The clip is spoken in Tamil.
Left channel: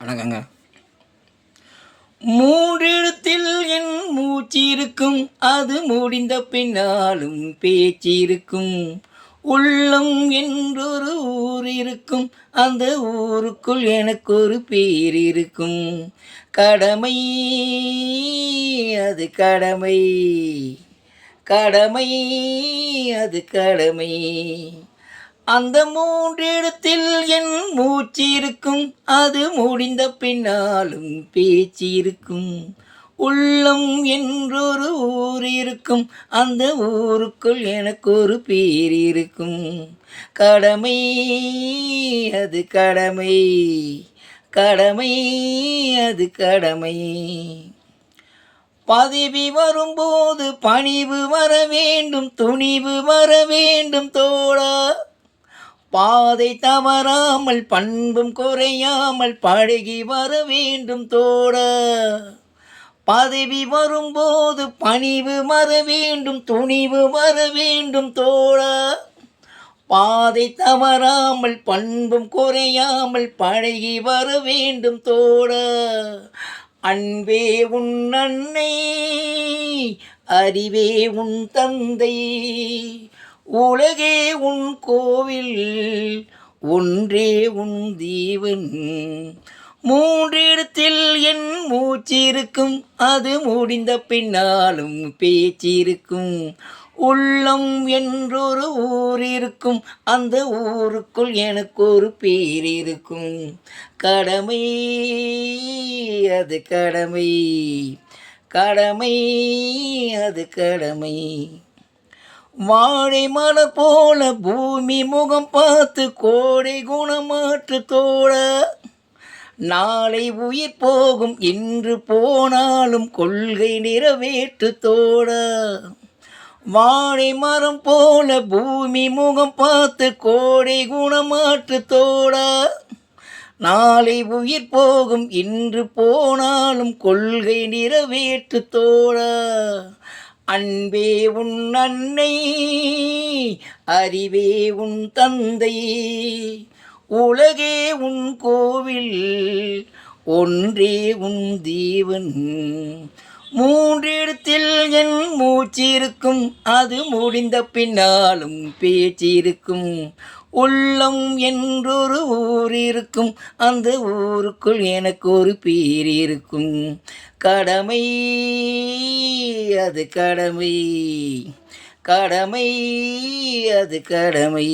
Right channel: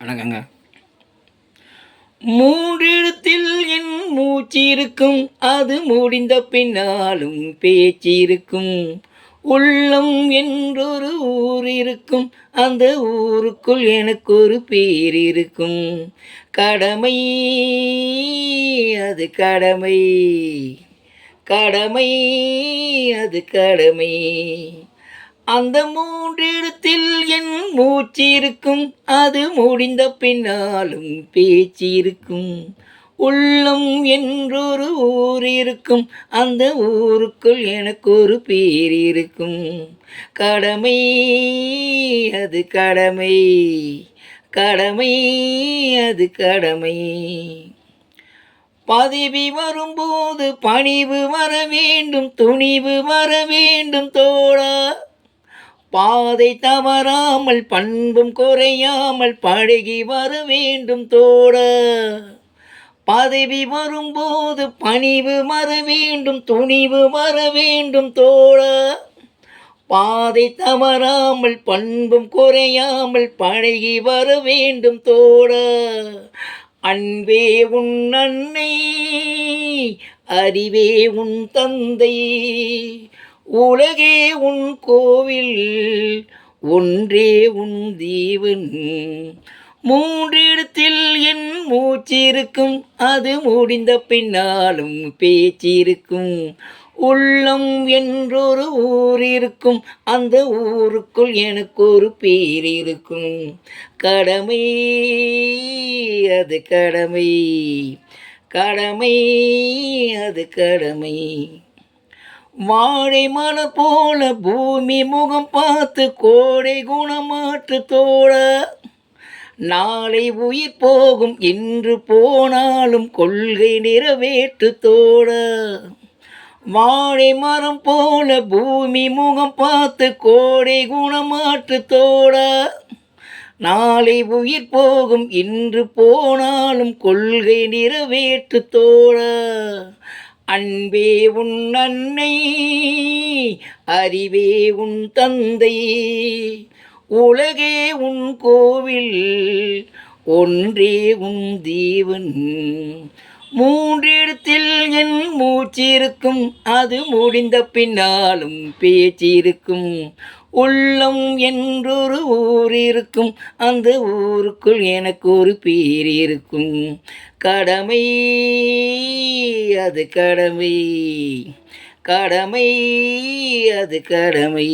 வணக்கங்க. மூன்றெழுத்தில் என் மூச்சிருக்கும், அது முடிந்த பின்னாலும் பேச்சிருக்கும். உள்ளம் என்றொரு ஊர் இருக்கும், அந்த ஊருக்குள் எனக்கொரு பேர் இருக்கும். கடமை, அது கடமை, கடமை, அது கடமை. அந்த மூன்றெழுத்தில் என் மூச்சிருக்கும், அது முடிந்த பின்னாலும் பேச்சிருக்கும். உள்ளம் என்றொரு ஊர் இருக்கும், அந்த ஊருக்குள் எனக்கொரு பேர் இருக்கும். கடமை, அது கடமை, கடமை, அது கடமை. பதவி வரும்போது பணிவு வர வேண்டும், துணிவு வர வேண்டும் தோழா. பாதை தவறாமல் பண்பும் குறையாமல் பழகி வர வேண்டும் தோழா. பதவி வரும்போது பணிவு வர வேண்டும், துணிவு வர வேண்டும் தோழா. பாதை தவறாமல் பண்பும் குறையாமல் பழகி வர வேண்டும் தோழா. அன்பே உன் அன்னை, அறிவே உன் தந்தை, உலகே உன் கோவில், ஒன்றே உன் தேவன். மூன்றெழுத்தில் என் மூச்சிருக்கும், அது முடிந்த பின்னாலும் பேச்சிருக்கும். உள்ளம் என்றொரு ஊர் இருக்கும், அந்த ஊருக்குள் எனக்கொரு பேர் இருக்கும். கடமை, அது கடமை, கடமை, அது கடமை. வாழை மலர் போல பூமி முகம் பார்த்து கோடை குணமாற்று தோழா. நாளை உயிர் போகும், இன்று போனாலும் கொள்கை நிறைவேற்று தோழா. வாழை மரம் போல பூமி முகம் பார்த்து கோடை குணமாற்று தோழா. நாளை உயிர் போகும், இன்று போனாலும் கொள்கை நிறைவேற்று தோழா. அன்பே உன் அன்னை, அறிவே உன் தந்தை, உலகே உன் கோவில், ஒன்றே உன் தேவன். மூன்றெழுத்தில் என் மூச்சிருக்கும், அது முடிந்த பின்னாலும் பேச்சிருக்கும். உள்ளம் என்றொரு ஊர் இருக்கும், அந்த ஊருக்குள் எனக்கொரு பேர் இருக்கும். கடமை, அது கடமை, கடமை, அது கடமை.